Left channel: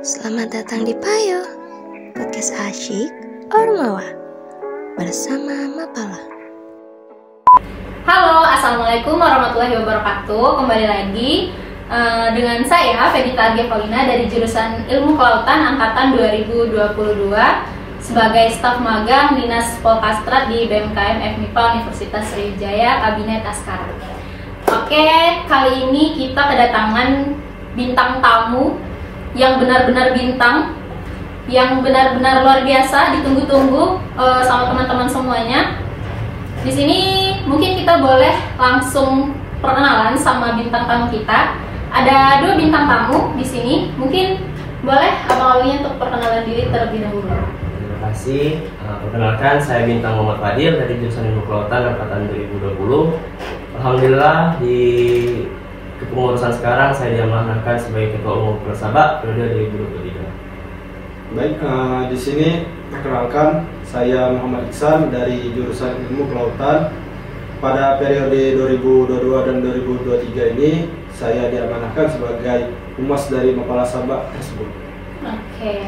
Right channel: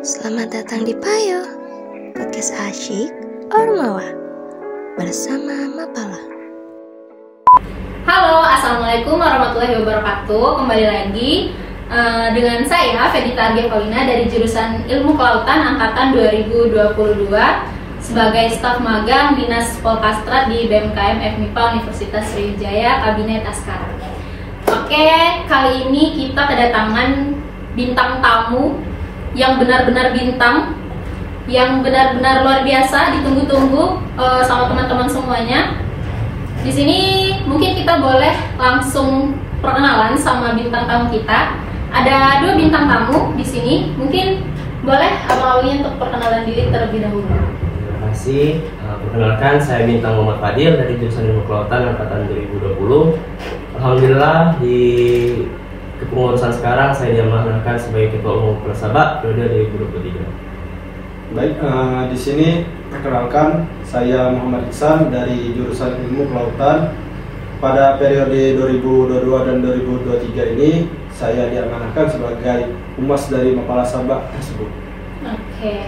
Selamat datang di Payo, podcast asyik Ormawa bersama Mapala. Halo, assalamualaikum warahmatullahi wabarakatuh. Kembali lagi dengan saya Fedita Argevalina dari jurusan Ilmu Kelautan angkatan 2022 sebagai staf magang Dinas Polkastrat di BMKM FMIPA Universitas Sriwijaya Kabinet Askara. Oke, kali ini kita kedatangan bintang tamu yang benar-benar bintang, yang benar-benar luar biasa, ditunggu-tunggu sama teman-teman semuanya. Di sini mungkin kita boleh langsung perkenalan sama bintang tamu kita. Ada dua bintang tamu di sini. Mungkin boleh awalnya untuk perkenalan diri terlebih dahulu. Terima kasih. Perkenalkan, saya Bintang Muhammad Fadil dari jurusan Ilmu Kelautan angkatan 2020. Alhamdulillah di kepengurusan sekarang saya diamanahkan sebagai Ketua Umum Persaba periode 2023. Baik, di sini perkenalkan saya Muhammad Iksan dari jurusan Ilmu Kelautan. Pada periode 2022 dan 2023 ini saya diamanahkan sebagai Humas dari Mapala Sabak tersebut. Oke,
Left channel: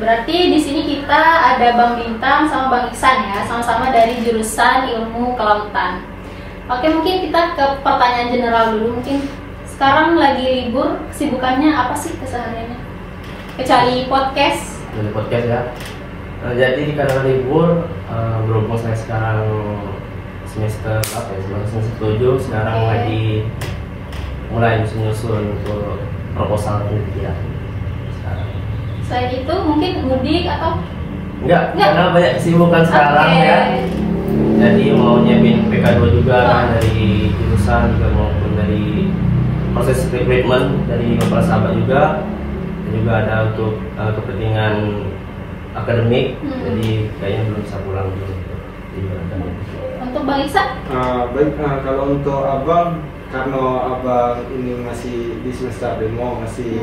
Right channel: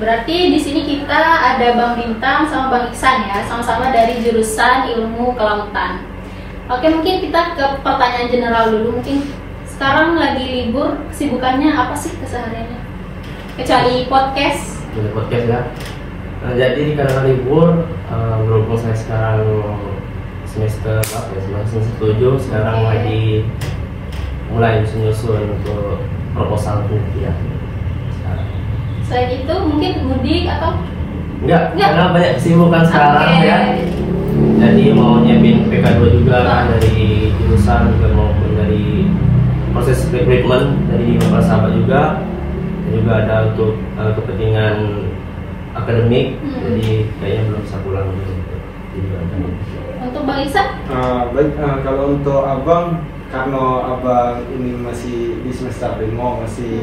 berarti di sini kita ada Bang Bintang sama Bang Iksan ya, sama-sama dari jurusan Ilmu Kelautan. Oke, mungkin kita ke pertanyaan general dulu. Mungkin sekarang lagi libur, kesibukannya apa sih kesehariannya? Kecuali podcast. Dari podcast ya. Jadi karena libur, berhubung saya sekarang semester berapa ya? Semester 7. Sekarang lagi mulai menyusun untuk proposal penelitian. Selain itu mungkin mudik atau? Enggak, karena banyak kesibukan sekarang ya. Jadi mau nyiapin PK2 juga kan, dari jurusan juga maupun dari proses recruitment dari Mapala Sabak juga. Dan juga ada untuk kepentingan akademik. Jadi kayaknya belum bisa pulang dulu. Untuk Bang Iksan? Baik, kalau untuk abang, karena abang ini masih di semester 5, masih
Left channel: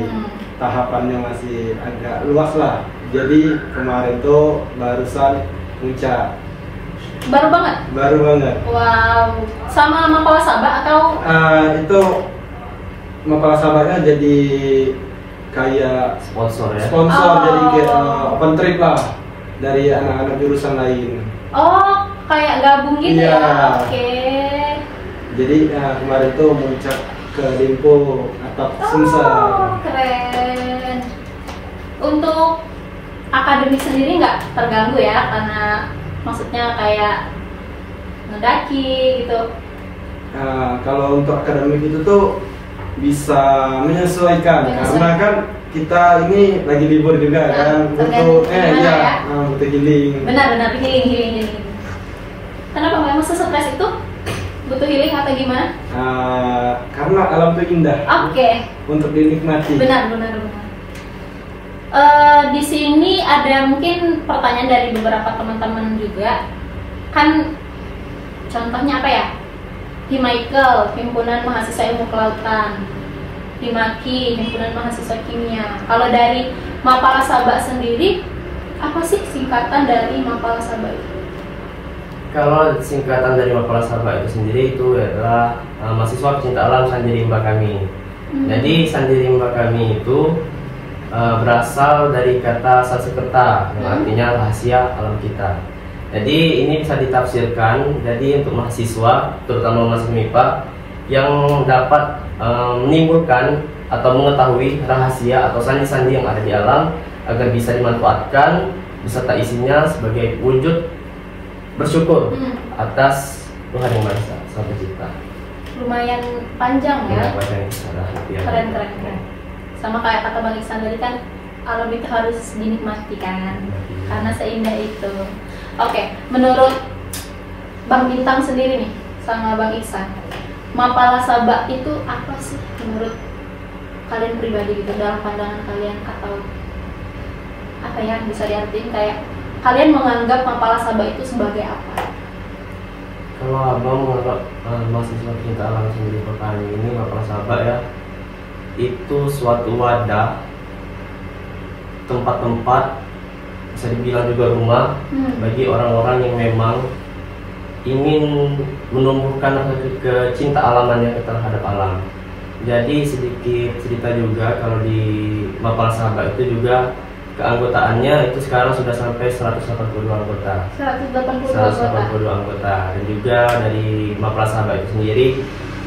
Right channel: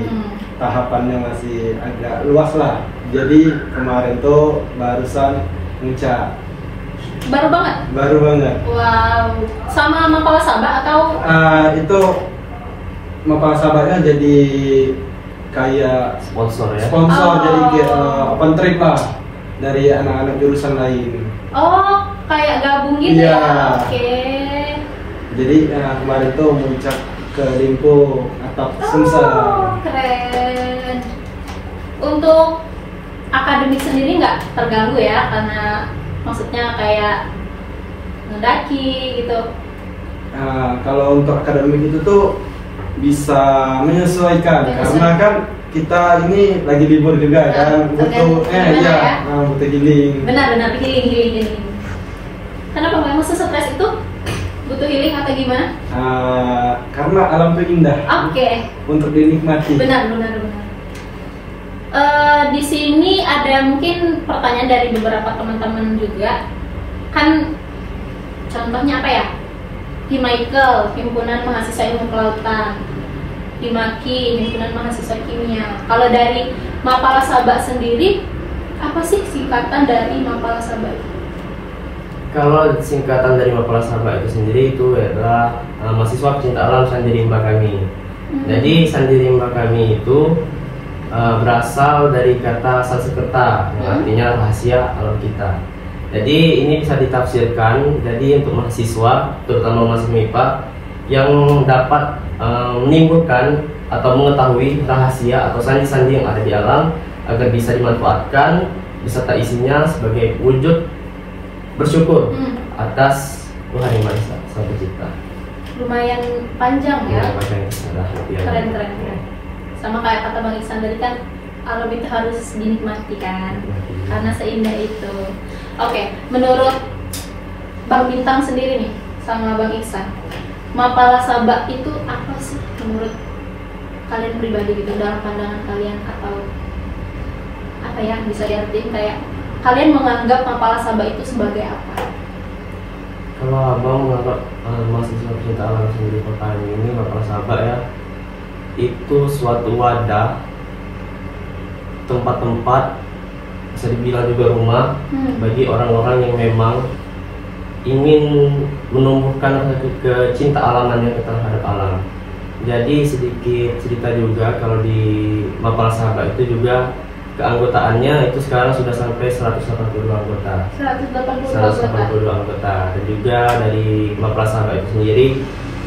tahapannya masih agak luas lah. Jadi kemarin tuh barusan puncak. Baru banget? Baru banget. Wow, sama Mapala Sabak atau? Itu Mapala Sabaknya jadi kayak Sponsor ya. jadi kayak open trip lah dari anak-anak jurusan lain. Oh, kayak gabung gitu Iya. ya? Oke. Jadi kemarin tuh muncak ke Limpo atap Sumsel. Keren. Untuk akademik sendiri nggak terganggu ya, karena maksudnya kayak mendaki gitu. Kalau untuk akademik itu tuh bisa menyesuaikan karena kan kita ini lagi libur juga kan, butuh butuh healing. Benar healing. Kenapa memang stres itu butuh healing atau gimana? Karena alam itu indah. Oke. Untuk dinikmati. Benar. Di sini ada mungkin pertanyaan dari beberapa teman-teman juga. Kan contohnya apa ya? Himaikal, Himpunan Mahasiswa Ilmu Kelautan. Himaki, Himpunan Mahasiswa Kimia. Kalau dari Mapala Sabak sendiri, apa sih singkatan dari Mapala Sabak? Kalau singkatan dari Mapala Sabak itu sendiri itu adalah mahasiswa pecinta alam Sandirimba Kami. Jadi Sandirimba Kami itu berasal dari kata Sanskerta yang artinya rahasia alam kita. Jadi ini bisa ditafsirkan jadi untuk mahasiswa, terutama mahasiswa MIPA yang dapat menimbulkan atau mengetahui rahasia atau sandi-sandi yang ada di alam agar bisa dimanfaatkan beserta isinya sebagai wujud bersyukur atas Tuhan Yang Maha Esa Sang Pencipta. Lumayan panjang ya. Keren. Sama kayak kata Bang Iksan tadi kan, alam itu harus dinikmati kan, karena seindah itu. Oke, menurut Bang Bintang sendiri nih sama Bang Iksan, Mapala Sabak itu apa sih menurut kalian pribadi gitu, dalam pandangan kalian, atau apa ya bisa diartikan kayak kalian menganggap Mapala Sabak itu sebagai apa? Kalau abang menganggap mahasiswa pecinta alam sendiri kali ini Mapala Sabak ya, itu suatu wadah, tempat-tempat bisa dibilang juga rumah bagi orang-orang yang memang ingin menumbuhkan kecinta alamannya terhadap alam. Jadi sedikit cerita juga kalau di Mapala Sahabat itu juga keanggotaannya itu sekarang sudah sampai 182 anggota. 182 anggota. Dan juga dari Mapala Sahabat itu sendiri,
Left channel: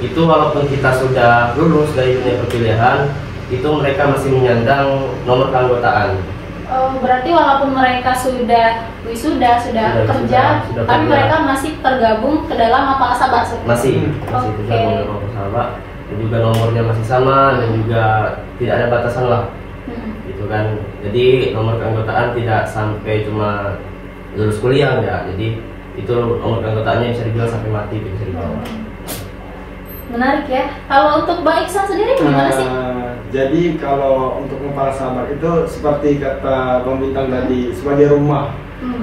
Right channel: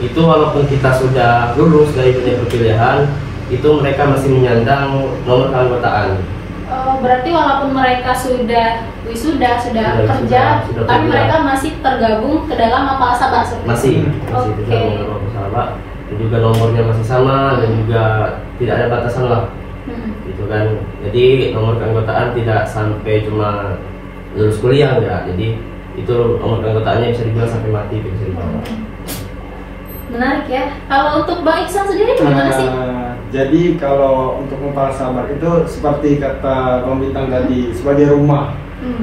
itu walaupun kita sudah lulus dari dunia perkuliahan, itu mereka masih menyandang nomor keanggotaan. Oh, berarti walaupun mereka sudah wisuda, sudah kerja, tapi mereka masih tergabung ke dalam Mapala Sahabat. Masih tergabung dalam Mapala Sahabat. Dan juga nomornya masih sama dan juga tidak ada batasan lah. Gitu kan. Jadi nomor keanggotaan tidak sampai cuma lulus kuliah enggak. Jadi itu nomor keanggotaannya bisa dibilang sampai mati, bisa dibawa. Menarik ya. Kalau untuk Bang Iksan sendiri gimana sih? Jadi kalau untuk Mapala Sahabat itu seperti kata Bang Bintang tadi, sebagai rumah.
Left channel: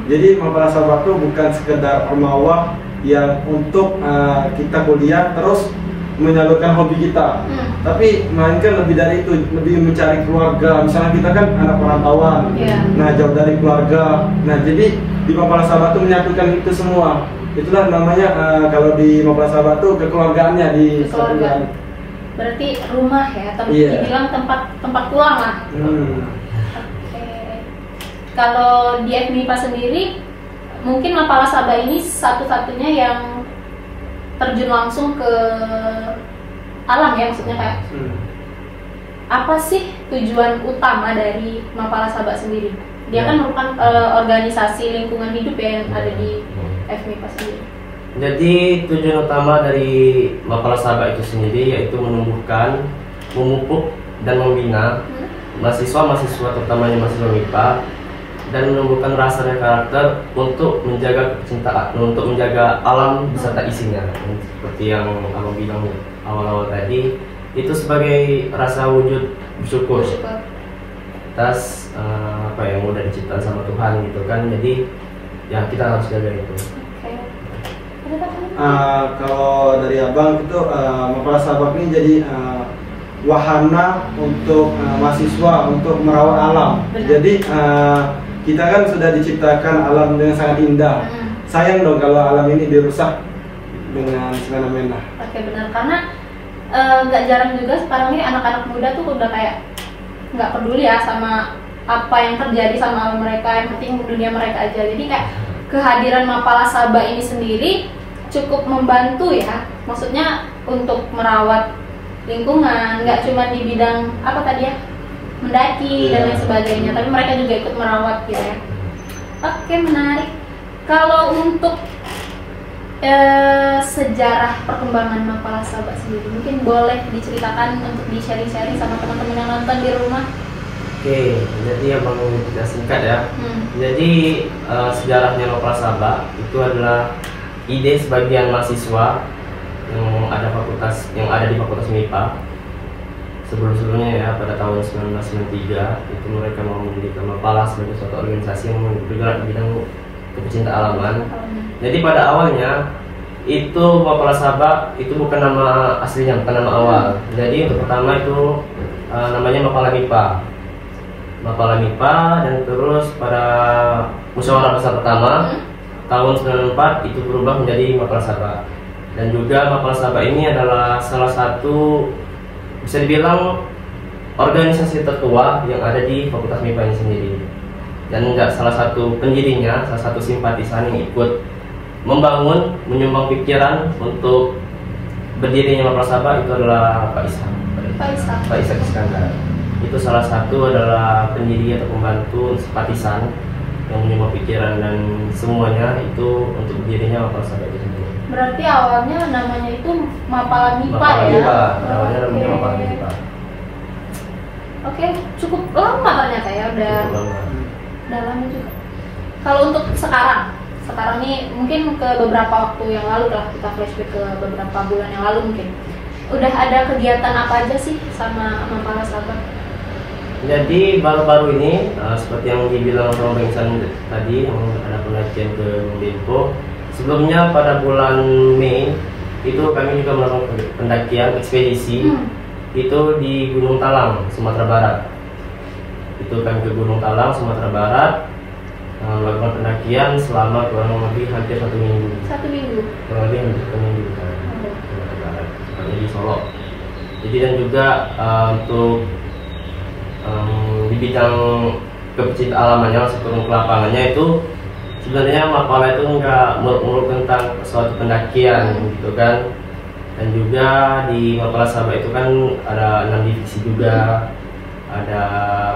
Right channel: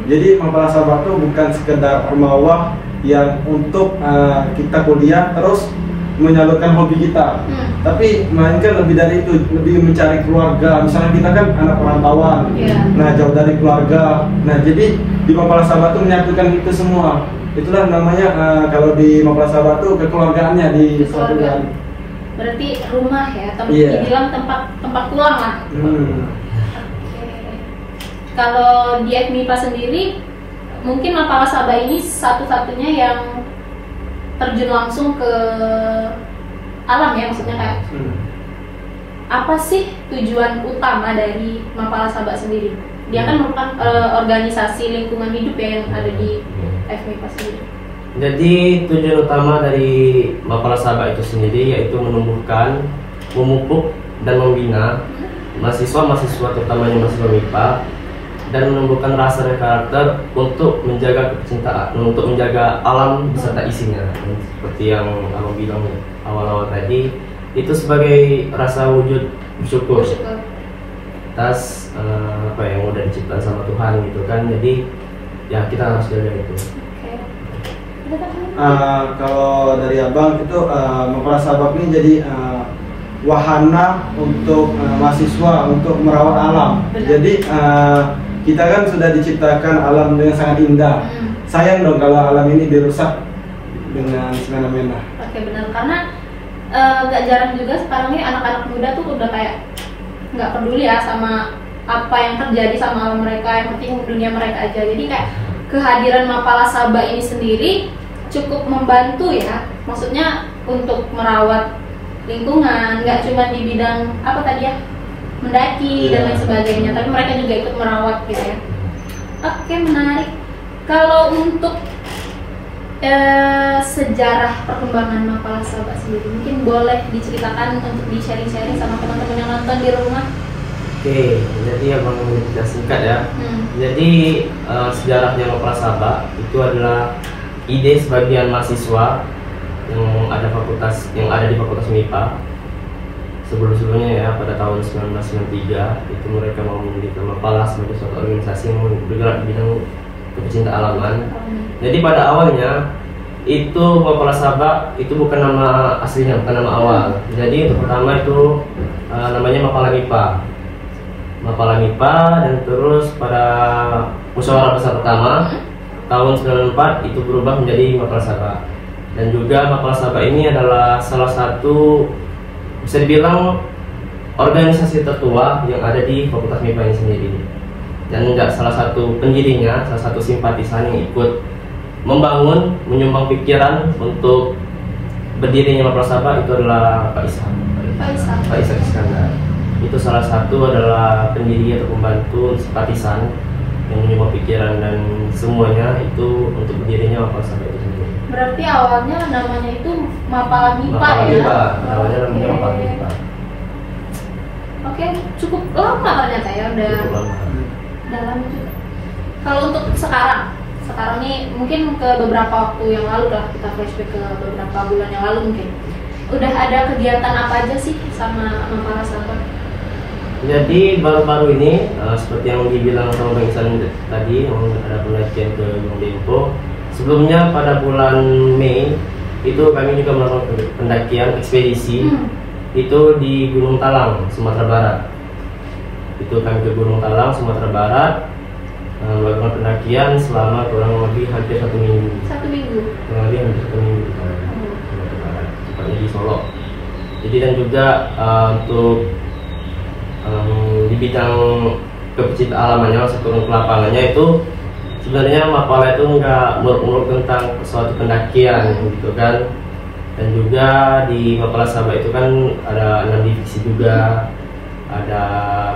Jadi Mapala Sahabat itu bukan sekedar rumah yang untuk kita kuliah terus menyalurkan hobi kita, tapi melainkan lebih dari itu, lebih mencari keluarga. Misalnya kita kan anak perantauan, nah jauh dari keluarga. Nah jadi di Mapala Sahabat itu menyatukan itu semua. Itulah namanya kalau di Mapala Sahabat itu kekeluargaannya disatukan. Berarti rumah ya, dibilang tempat pulang lah. Kalau di FMIPA sendiri, mungkin Mapala Sahabat ini satu-satunya yang terjun langsung ke alam ya, maksudnya kayak apa sih tujuan utama dari Mapala Sahabat sendiri? Dia kan merupakan organisasi lingkungan hidup ya yang ada di FMIPA sendiri. Jadi tujuan utama dari Mapala Sahabat itu sendiri yaitu menumbuhkan, memupuk dan membina mahasiswa-mahasiswa terutamanya mahasiswa MIPA dan menumbuhkan rasa dan karakter untuk menjaga kecintaan, untuk menjaga alam beserta isinya. Seperti yang Abang bilang awal-awal tadi, itu sebagai rasa wujud bersyukur atas apa yang udah diciptakan sama Tuhan gitu kan. Jadi ya kita harus jaga itu. Kalau dari Abang itu Mapala Sahabat ini jadi wahana untuk mahasiswa untuk merawat alam. Jadi kita kan sudah diciptakan alam dengan sangat indah. Sayang dong kalau alam ini dirusak dengan semena-mena. Oke, benar, karena nggak jarang juga sekarang nih anak-anak muda tuh udah kayak nggak peduli ya sama apa yang terjadi sama alam mereka, yang penting dunia mereka aja. Jadi kayak kehadiran Mapala Sahabat ini sendiri cukup membantu ya, maksudnya untuk merawat lingkungan, nggak cuma di bidang apa tadi ya, mendaki dan lain sebagainya, tapi mereka juga ikut merawat gitu ya. Oke, menarik. Kalau untuk sejarah perkembangan Mapala Sahabat sendiri, mungkin boleh diceritakan untuk di-sharing-sharing sama teman-teman yang nonton di rumah. Oke, jadi Abang kita singkat ya. Jadi sejarahnya Mapala Sahabat itu adalah ide sebagian mahasiswa yang ada di Fakultas MIPA sebelumnya ya, pada tahun 1993 itu mereka mau mendirikan Mapala sebagai suatu organisasi yang bergerak di bidang pecinta alaman. Jadi pada awalnya itu Mapala Sahabat itu bukan nama aslinya, bukan nama awal. Jadi untuk pertama itu namanya Mapala MIPA, dan terus pada musyawarah besar pertama tahun 94 itu berubah menjadi Mapala Sahabat. Dan juga Mapala Sahabat ini adalah salah satu, bisa dibilang, organisasi tertua yang ada di Fakultas MIPA ini sendiri. Dan enggak salah satu pendirinya, salah satu simpatisan yang ikut membangun, menyumbang pikiran untuk berdirinya Mapala Sahabat itu adalah Pak Ishak Iskandar. Itu salah satu adalah pendiri atau pembantu simpatisan yang menyumbang pikiran dan semuanya itu untuk berdirinya Mapala Sahabat itu sendiri. Berarti awalnya namanya itu Mapala MIPA ya? Awalnya namanya Mapala MIPA. Oke, cukup lama ternyata ya, udah lama juga. Kalau untuk sekarang nih mungkin ke beberapa waktu yang lalu lah, kita flashback ke beberapa bulan yang lalu mungkin. Udah ada kegiatan apa aja sih sama Mapala Sahabat? Jadi baru-baru ini seperti yang dibilang sama Bang Iksan tadi, yang ada penelitian ke Dempo. Sebelumnya pada bulan Mei itu kami juga melakukan pendakian ekspedisi itu di Gunung Talang, Sumatera Barat. Itu kami ke Gunung Talang, Sumatera Barat, melakukan pendakian selama kurang lebih hampir 1 minggu. Kurang lebih hampir 1 minggu di Sumatera Barat, seperti di Solo. Jadi dan juga untuk di bidang kepecintaan alamannya, masuk turun ke lapangannya itu sebenarnya Mapala itu nggak muluk-muluk tentang suatu pendakian gitu kan. Dan juga di Mapala Sabak itu kan ada 6 divisi juga, ada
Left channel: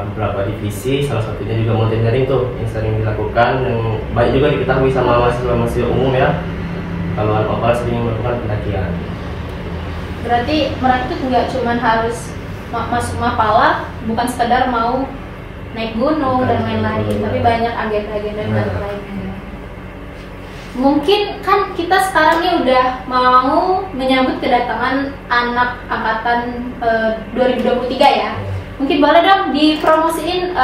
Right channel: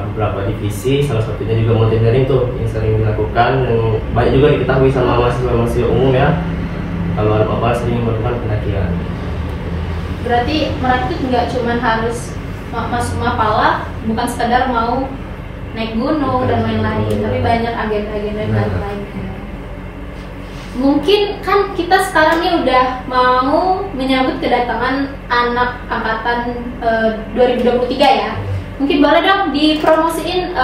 beberapa divisi, salah satunya juga mountaineering tuh yang sering dilakukan, yang banyak juga diketahui sama mahasiswa umum ya. Kalau anak Mapala sering melakukan pendakian. Berarti merakit nggak cuma harus masuk Mapala, bukan sekedar mau naik gunung dan lain-lain, tapi banyak agenda-agenda lainnya. Mungkin kan kita sekarang ini udah mau menyambut kedatangan anak angkatan 2023 ya. Mungkin boleh dong dipromosiin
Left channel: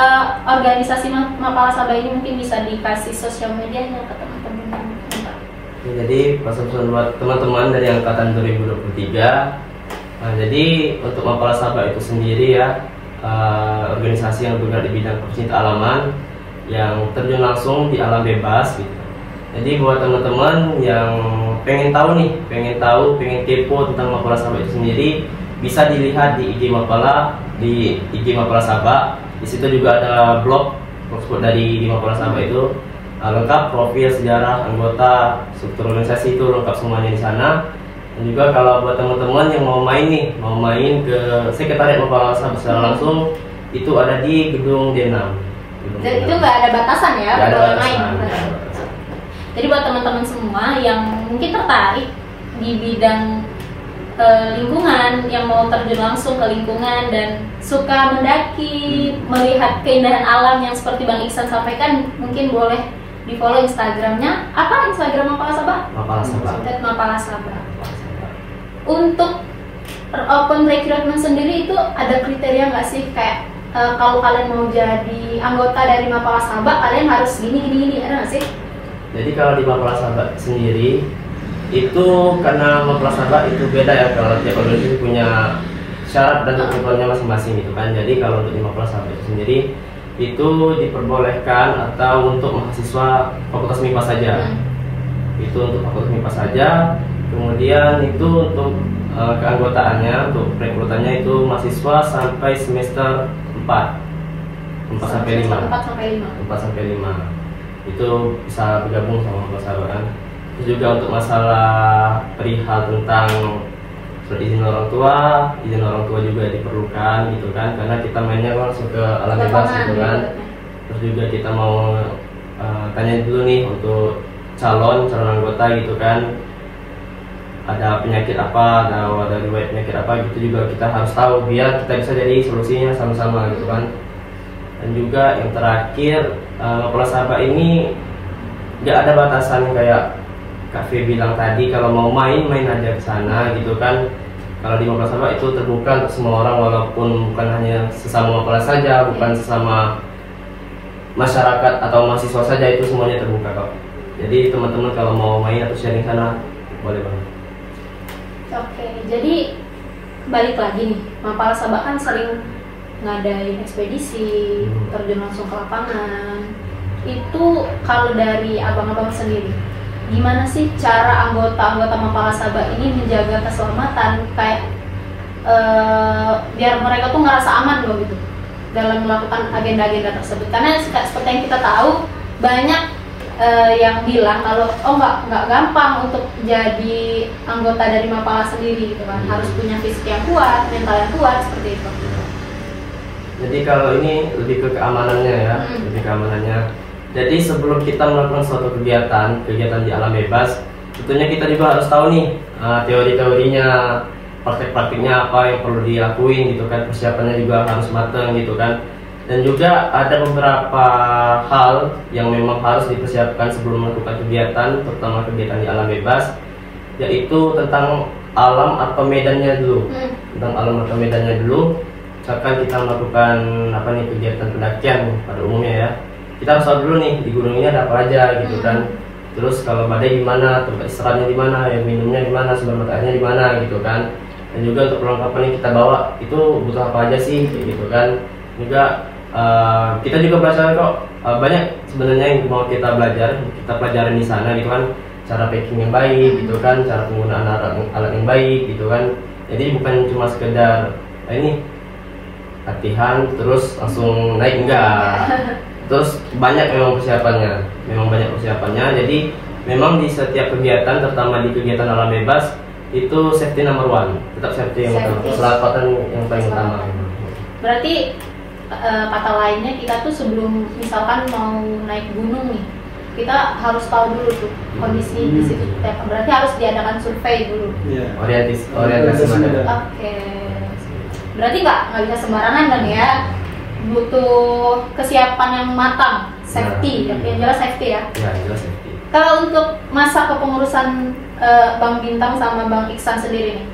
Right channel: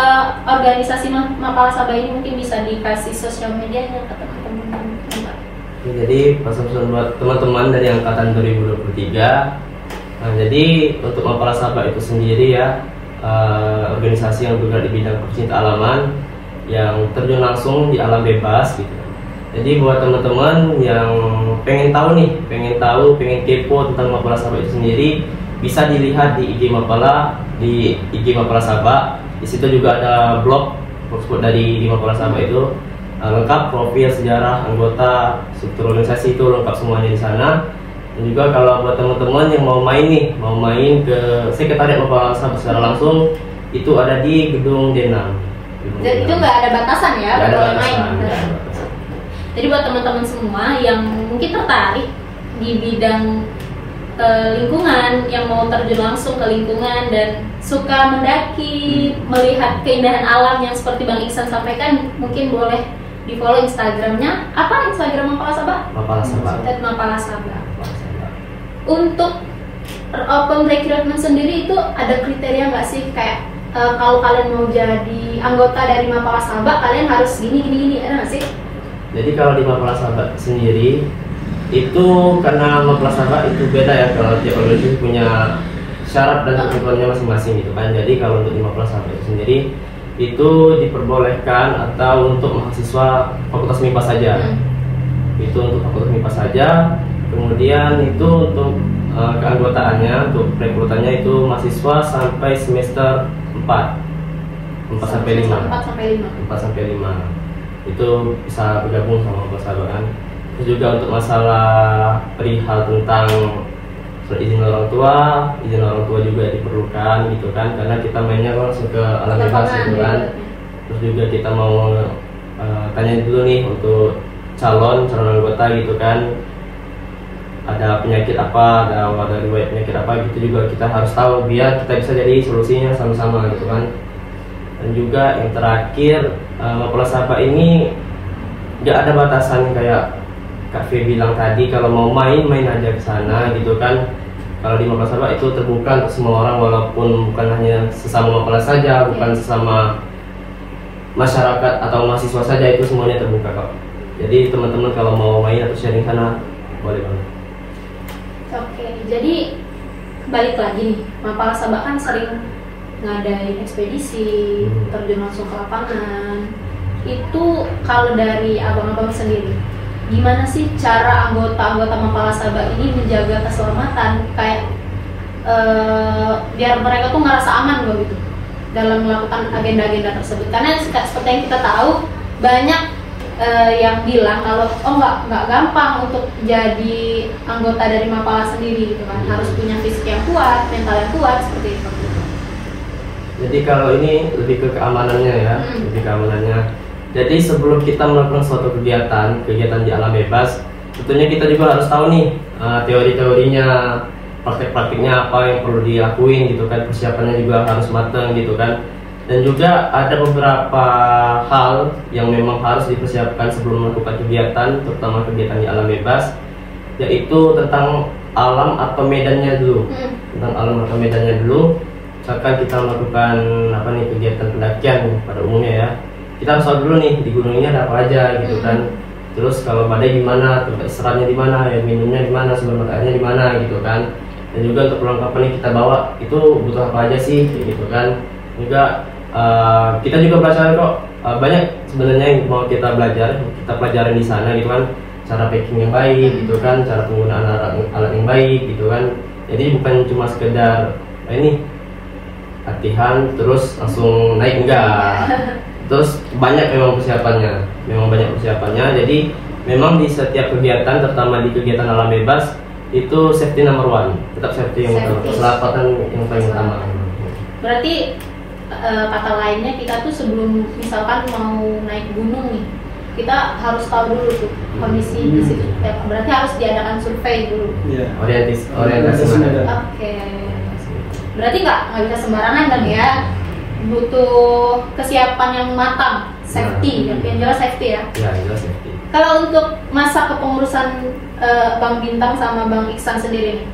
organisasi Mapala Sabak ini, mungkin bisa dikasih sosial medianya ke teman-teman. Ya, jadi pesan-pesan buat teman-teman dari angkatan 2023. Jadi untuk Mapala Sabak itu sendiri ya, organisasi yang bergerak di bidang pecinta alaman yang terjun langsung di alam bebas gitu. Jadi buat teman-teman yang pengen tahu, pengen kepo tentang Mapala Sabak itu sendiri, bisa dilihat di IG Mapala, di IG Mapala Sabak. Di situ juga ada blogspot dari Mapala Sabak itu lengkap, profil, sejarah, anggota, struktur organisasi itu lengkap semuanya di sana. Dan juga kalau buat teman-teman yang mau main ke sekretariat Mapala Sabak secara langsung, itu ada di gedung D6. Jadi itu nggak ada batasan ya, nggak ada batasan. Jadi buat teman-teman semua yang mungkin tertarik di bidang lingkungan, yang mau terjun langsung ke lingkungan dan suka mendaki, melihat keindahan alam yang seperti Bang Iksan sampaikan, mungkin boleh di follow Instagramnya. Apa Instagram Mapala Sabak? Mapala Sabak. Mapala Sabak. Untuk open recruitment sendiri itu ada kriteria nggak sih, kayak kalau kalian mau jadi anggota dari Mapala Sabak kalian harus gini, ada nggak sih? Jadi kalau di Mapala Sabak sendiri itu, karena Mapala Sabak itu beda ya, kalau tiap organisasi punya syarat dan ketentuannya masing-masing gitu kan. Jadi kalau untuk di Mapala Sabak itu sendiri itu diperbolehkan atau untuk mahasiswa fakultas MIPA saja. Itu untuk fakultas MIPA saja. Kemudian itu untuk keanggotaannya, untuk rekrutannya itu mahasiswa sampai semester 4 sampai 5 itu bisa bergabung sama Mapala Sabak kan. Terus juga untuk masalah perihal tentang surat izin orang tua juga diperlukan gitu kan, karena kita mainnya langsung ke alam bebas gitu kan. Terus juga kita mau tanya dulu nih untuk calon anggota gitu kan, ada penyakit apa, ada riwayat penyakit apa gitu juga kita harus tahu biar kita bisa jadi solusinya sama-sama gitu kan. Dan juga yang terakhir, Mapala Sabak ini nggak ada batasan kayak Kak Fe bilang tadi, kalau mau main aja ke sana gitu kan. Kalau di Mapala Sabak itu terbuka untuk semua orang, walaupun bukan hanya sesama Mapala saja, bukan sesama masyarakat atau mahasiswa saja, itu semuanya terbuka kok. Jadi teman-teman kalau mau main atau sharing sana boleh banget. Oke, jadi balik lagi nih, Mapala Sabak kan sering ngadain ekspedisi, terjun langsung ke lapangan. Itu kalau dari abang-abang sendiri, gimana sih cara anggota Mapala Sabak ini menjaga keselamatan, kayak biar mereka tuh ngerasa aman loh gitu dalam melakukan agenda-agenda tersebut? Karena seperti yang kita tahu, banyak yang bilang kalau nggak gampang untuk jadi anggota dari Mapala sendiri gitu kan, harus punya fisik yang kuat, mental yang kuat, seperti itu. Jadi kalau ini lebih ke keamanannya ya, lebih keamanannya. Jadi sebelum kita melakukan suatu kegiatan di alam bebas, tentunya kita juga harus tahu nih teori-teorinya, praktik-praktiknya apa yang perlu dilakuin gitu kan, persiapannya juga harus matang gitu kan. Dan juga ada beberapa hal yang memang harus dipersiapkan sebelum melakukan kegiatan, terutama kegiatan di alam bebas, yaitu tentang alam atau medannya dulu. Tentang alam atau medannya dulu. Misalkan kita melakukan kegiatan pendakian pada umumnya ya, kita harus tahu dulu nih di gunung ini ada apa aja gitu kan. Terus kalau badai gimana, tempat istirahatnya di mana, ya minumnya di mana, sumber mata airnya di mana gitu kan. Dan juga untuk perlengkapan yang kita bawa itu butuh apa aja sih gitu kan. Juga kita juga belajar kok banyak sebenarnya yang mau kita pelajarin di sana gitu kan, cara packing yang baik gitu kan, cara penggunaan alat yang baik gitu kan. Jadi bukan cuma sekedar ini latihan terus langsung naik, enggak. Terus banyak memang persiapannya. Jadi memang di setiap kegiatan, terutama di kegiatan alam bebas itu safety number one, tetap safety yang utama, keselamatan yang paling utama. Berarti kata lainnya kita tuh sebelum misalkan mau naik gunung nih, kita harus tahu dulu tuh kondisi di situ. Berarti harus diadakan survei dulu. Orientasi. Oke. Berarti nggak bisa sembarangan kan ya? Butuh kesiapan yang matang, safety, yang jelas safety ya. Ya, jelas safety. Kalau untuk masa kepengurusan Bang Bintang sama Bang Iksan sendiri nih,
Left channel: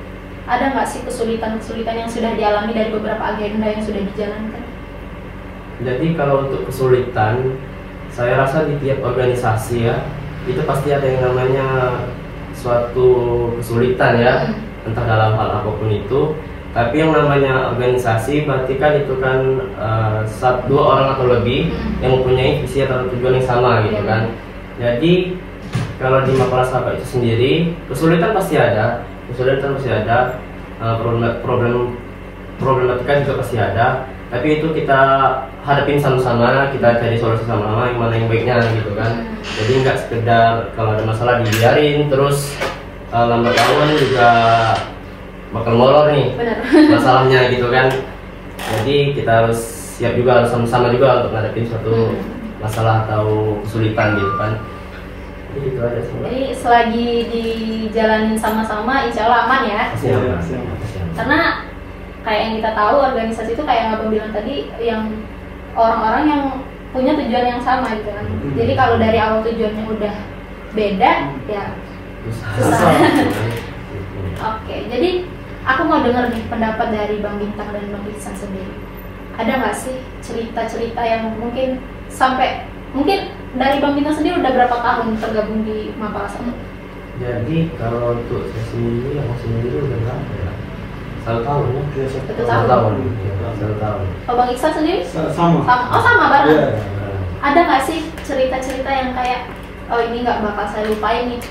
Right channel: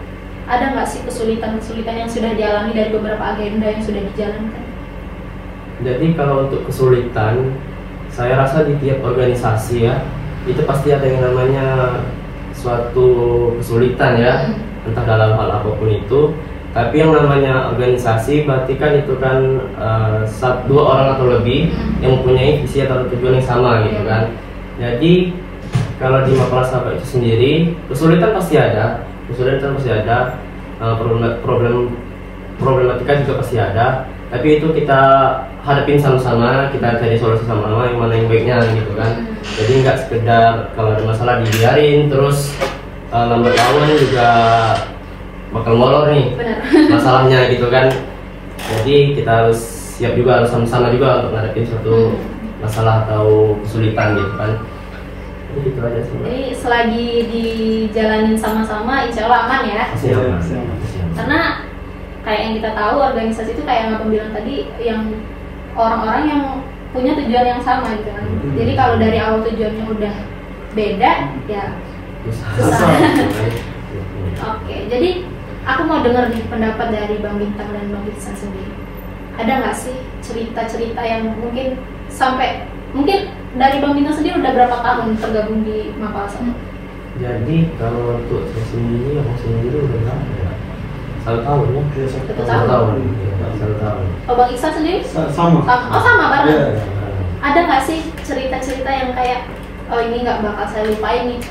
ada nggak sih kesulitan-kesulitan yang sudah dialami dari beberapa agenda yang sudah dijalankan? Jadi kalau untuk kesulitan, saya rasa di tiap organisasi ya, itu pasti ada yang namanya suatu kesulitan ya, entah dalam hal apapun itu. Tapi yang namanya organisasi berarti kan itu kan dua orang atau lebih yang mempunyai visi atau tujuan yang sama gitu kan. Jadi kalau di Mapala Sabak itu sendiri kesulitan pasti ada, problematika juga pasti ada. Tapi itu kita hadapin sama-sama, kita cari solusi sama-sama yang mana yang baiknya gitu kan. Jadi nggak sekedar kalau ada masalah dibiarin terus lambat laun juga bakal molor nih masalahnya gitu kan. Jadi kita harus siap juga, harus sama-sama juga untuk ngadepin suatu masalah atau kesulitan gitu kan. Jadi gitu aja sebenarnya. Jadi selagi dijalanin sama-sama insya Allah aman ya. Siap. Karena kayak yang kita tahu organisasi itu kayak yang abang bilang tadi, yang orang-orang yang punya tujuan yang sama gitu kan. Jadi kalau dari awal tujuannya udah beda ya susah. Oke, jadi aku mau dengar nih pendapat dari Bang Bintang dan Bang Iksan sendiri. Ada nggak sih cerita-cerita yang mungkin dari Bang Bintang sendiri udah berapa tahun tergabung di Mapala Sabak? Jadi kalau untuk saya sendiri, udah berapa ya? 1 tahun ya? 1 tahun. Oh, Bang Iksan sendiri? Sama. Oh, sama bareng. Ya. Ada nggak sih cerita-cerita yang kayak oh ini nggak bakal saya lupain nih?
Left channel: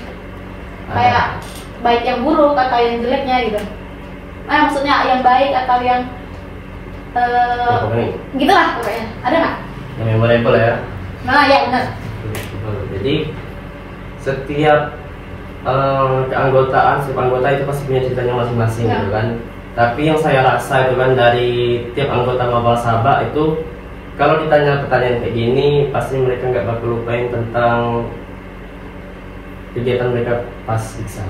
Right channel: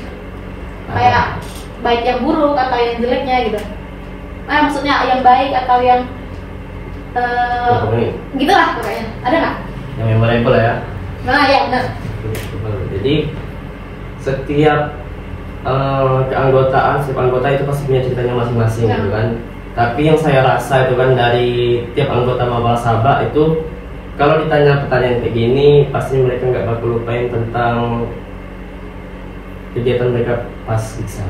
Kayak baik yang buruk atau yang jeleknya gitu. Maksudnya yang baik atau yang gitulah pokoknya. Ada nggak? Yang memorable ya. Nah ya benar. Jadi setiap keanggotaan, setiap anggota itu pasti punya ceritanya masing-masing gitu kan. Tapi yang saya rasa itu kan dari tiap anggota Mapala Sabak itu kalau ditanya pertanyaan kayak gini pasti mereka nggak bakal lupain tentang kegiatan mereka pas Diksar.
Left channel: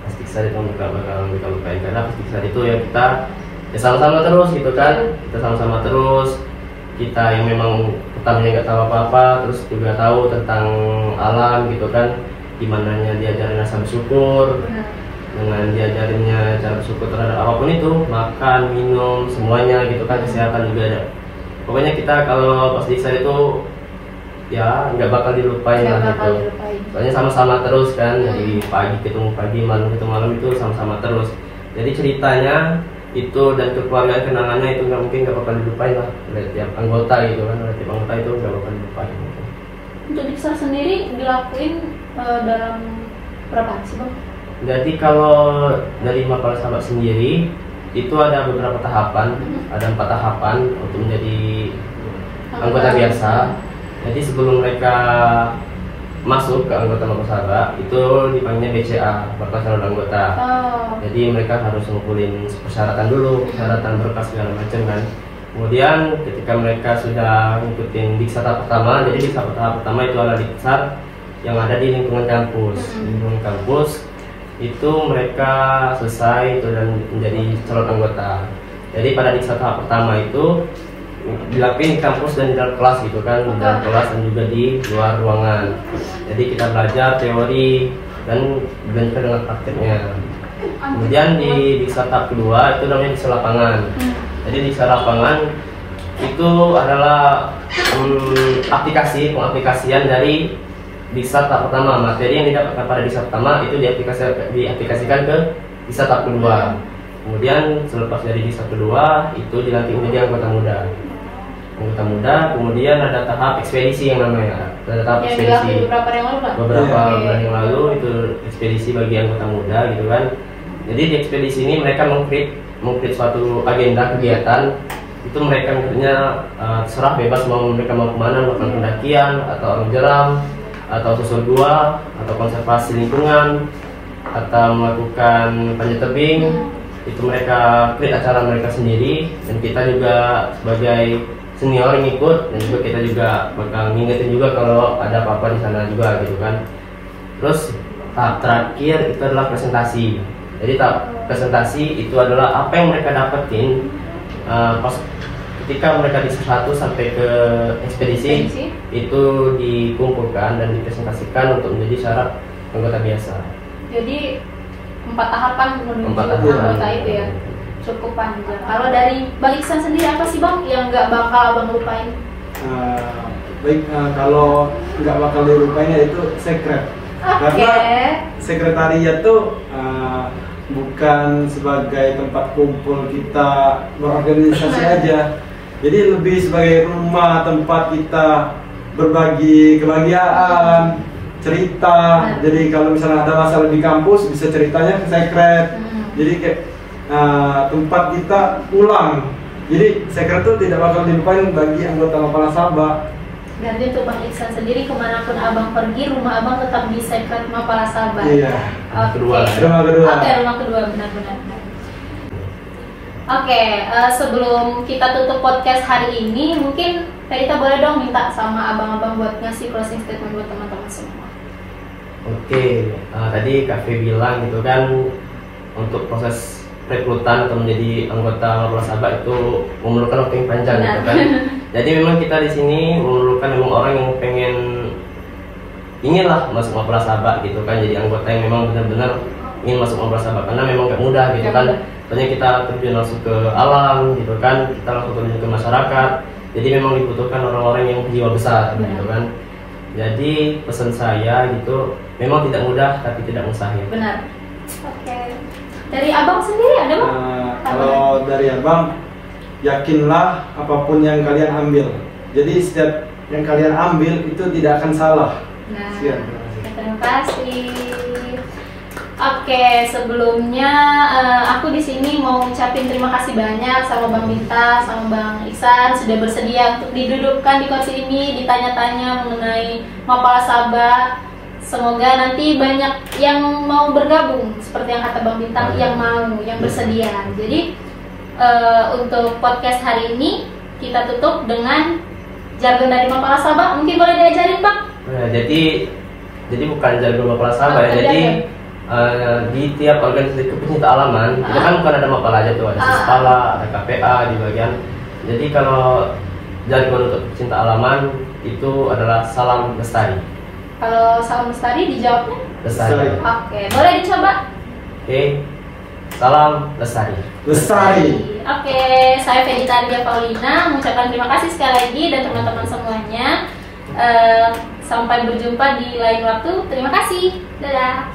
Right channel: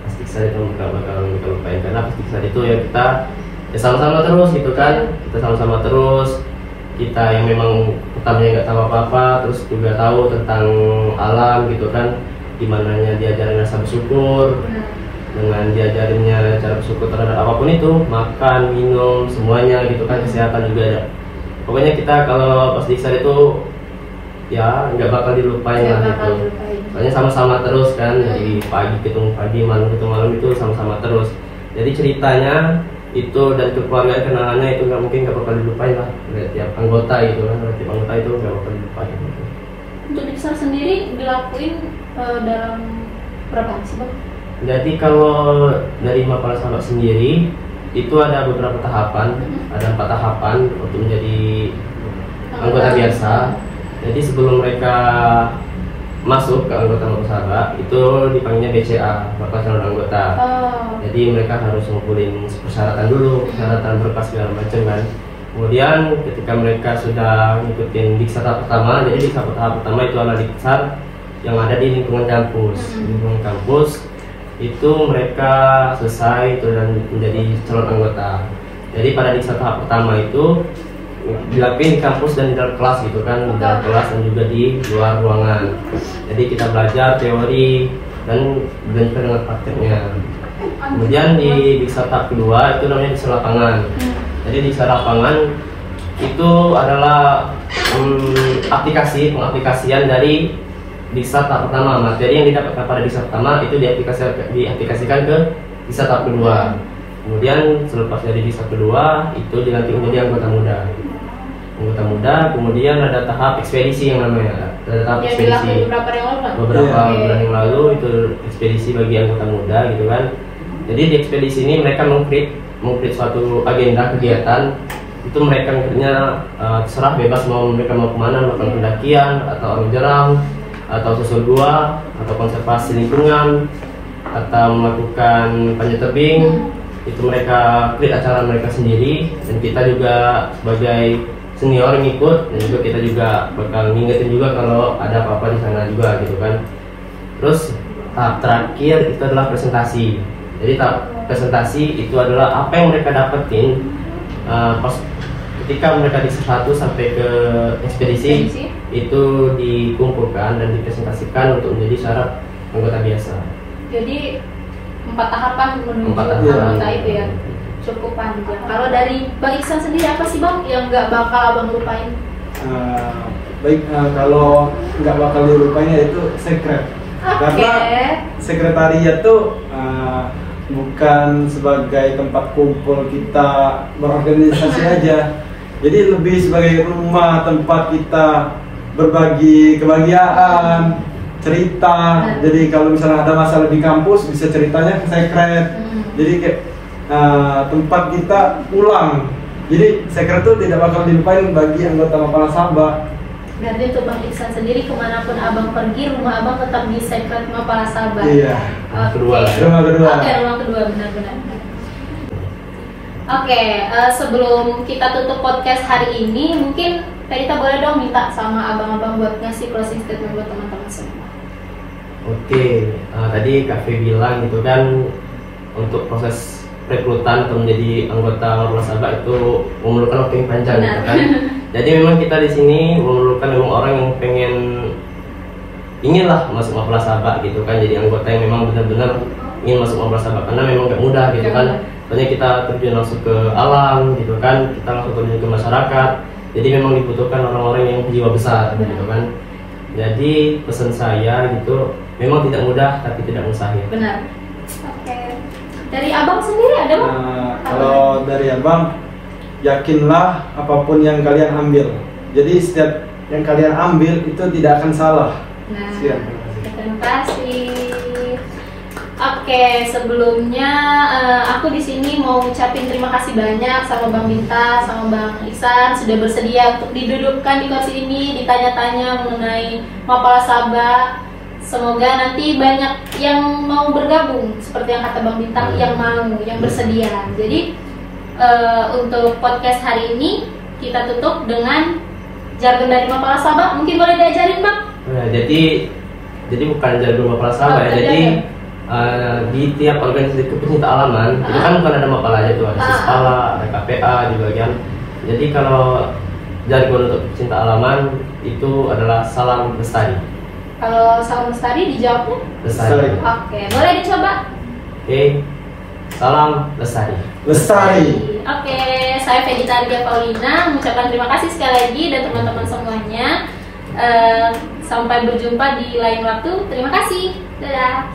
Pas Diksar itu nggak bakal mereka lupain, karena pas Diksar itu ya kita sama-sama terus gitu kan. Kita sama-sama terus, kita yang memang pertamanya nggak tahu apa-apa terus juga tahu tentang alam gitu kan, dimananya diajarin rasa bersyukur, dengan diajarinnya cara bersyukur terhadap apapun itu, makan, minum, semuanya gitu kan, kesehatan juga ada. Pokoknya kita kalau pas Diksar itu ya nggak bakal dilupain lah gitu. Soalnya sama-sama terus kan, dari pagi ketemu pagi, malam ketemu malam, itu sama-sama terus. Jadi ceritanya itu dan kekeluargaan kenangannya itu nggak bakal dilupain lah oleh tiap anggota gitu kan, oleh tiap anggota itu nggak bakal dilupain gitu. Untuk Diksar sendiri dilakuin dalam berapa sih Bang? Jadi kalau dari Mapala Sabak sendiri itu ada beberapa tahapan, ada 4 tahapan untuk menjadi anggota biasa. Jadi sebelum mereka masuk ke anggota Mapala Sabak itu dipanggilnya BCA, Bapak Calon Anggota. Jadi mereka harus ngumpulin persyaratan dulu, persyaratan berkas segala macam kan. Kemudian ketika mereka sudah ngikutin Diksar tahap pertama, jadi Diksar tahap pertama itu adalah Diksar yang ada di lingkungan kampus. Di lingkungan kampus itu mereka selesai itu dan menjadi calon anggota. Jadi pada Diksar tahap pertama itu dilakuin di kampus dan di dalam kelas gitu kan, di dalam kelas dan juga di luar ruangan. Jadi kita belajar teori dan juga dengan prakteknya. Kemudian di Diksar tahap kedua itu namanya Diksar lapangan. Jadi Diksar lapangan itu adalah pengaplikasian dari Diksar tahap pertama. Materi yang didapatkan pada Diksar pertama itu diaplikasikan ke Diksar tahap kedua. Kemudian selepas dari Diksar kedua itu dilantik menjadi anggota muda. Kemudian ada tahap ekspedisi yang namanya. Ada tahap ekspedisi. Beberapa bulan yang lalu itu ekspedisi bagi anggota muda gitu kan. Jadi di ekspedisi ini mereka mengkrit suatu agenda kegiatan. Itu mereka mikirnya terserah bebas mereka mau kemana, melakukan pendakian atau arung jeram atau susur gua atau konservasi lingkungan atau melakukan panjat tebing. Itu mereka create acara mereka sendiri, dan kita juga sebagai senior yang ikut, dan juga kita juga bakal ngingetin juga kalau ada apa-apa di sana juga gitu kan. Terus tahap terakhir itu adalah presentasi. Jadi tahap presentasi itu adalah apa yang mereka dapetin pas ketika mereka di 1 sampai ke ekspedisi itu dikumpulkan dan dipresentasikan untuk menjadi syarat anggota biasa. Jadi 4 tahapan menuju 4 tahapan. anggota itu ya, cukup panjang. Kalau dari Bang Iksan sendiri apa sih Bang yang nggak bakal Abang lupain? Kalau nggak bakal dilupain ya itu sekret. Karena sekretariat tuh bukan sebagai tempat kumpul kita berorganisasi aja, jadi lebih sebagai rumah tempat kita berbagi kebahagiaan, cerita. Jadi kalau misalnya ada masalah di kampus bisa ceritanya ke sekret. Jadi kayak tempat kita pulang. Jadi sekret itu tidak bakal dilupain bagi anggota Mapala Sabak. Berarti untuk Bang Iksan sendiri kemanapun Abang pergi, rumah Abang tetap di sekret Mapala Sabak. Iya. Kedua. Rumah kedua. Oke, rumah kedua, benar-benar. Oke, sebelum kita tutup podcast hari ini, mungkin kita boleh dong minta sama abang-abang buat ngasih closing statement buat teman-teman semua. Oke, tadi Kak Fe bilang gitu kan, untuk proses rekrutan untuk menjadi anggota Mapala Sabak itu memerlukan waktu yang panjang gitu kan. Jadi memang kita di sini memerlukan memang orang yang inginlah masuk Mapala Sabak gitu kan, jadi anggota yang memang benar-benar ingin masuk Mapala Sabak, karena memang gak mudah gitu kan. Soalnya kita terjun langsung ke alam gitu kan, kita langsung terjun ke masyarakat. Jadi memang dibutuhkan orang-orang yang jiwa besar gitu kan. Jadi pesan saya gitu, memang tidak mudah tapi tidak mustahil. Benar. Oke. Dari Abang sendiri ada Bang? Kalau dari Abang, yakinlah apapun yang kalian ambil. Jadi setiap yang kalian ambil itu tidak akan salah. Nah, Siap. terima kasih. Oke, sebelumnya aku di sini mau ucapin terima kasih banyak sama Bang Binta, sama Bang Iksan sudah bersedia untuk didudukkan di kursi ini, ditanya-tanya mengenai Mapala Sabak. Semoga nanti banyak yang mau bergabung, seperti yang kata Bang Bintang, yang bersedia. Jadi untuk podcast hari ini kita tutup dengan jargon dari Mapala Sabak. Mungkin boleh diajarin Bang? Nah, jadi bukan jargon Mapala Sabak ya. Jadi di tiap organisasi pecinta alaman itu kan bukan ada Mapala aja tuh, ada Sispala, ada KPA di bagian. Jadi kalau jargon untuk pecinta alaman itu adalah salam lestari. Kalau salam lestari dijawabnya? Lestari. Oke, boleh dicoba? Oke, salam lestari. Lestari. Oke, saya Fedita Ardia Paulina mengucapkan terima kasih sekali lagi dan teman-teman semuanya. Sampai berjumpa di lain waktu. Terima kasih. Dadah.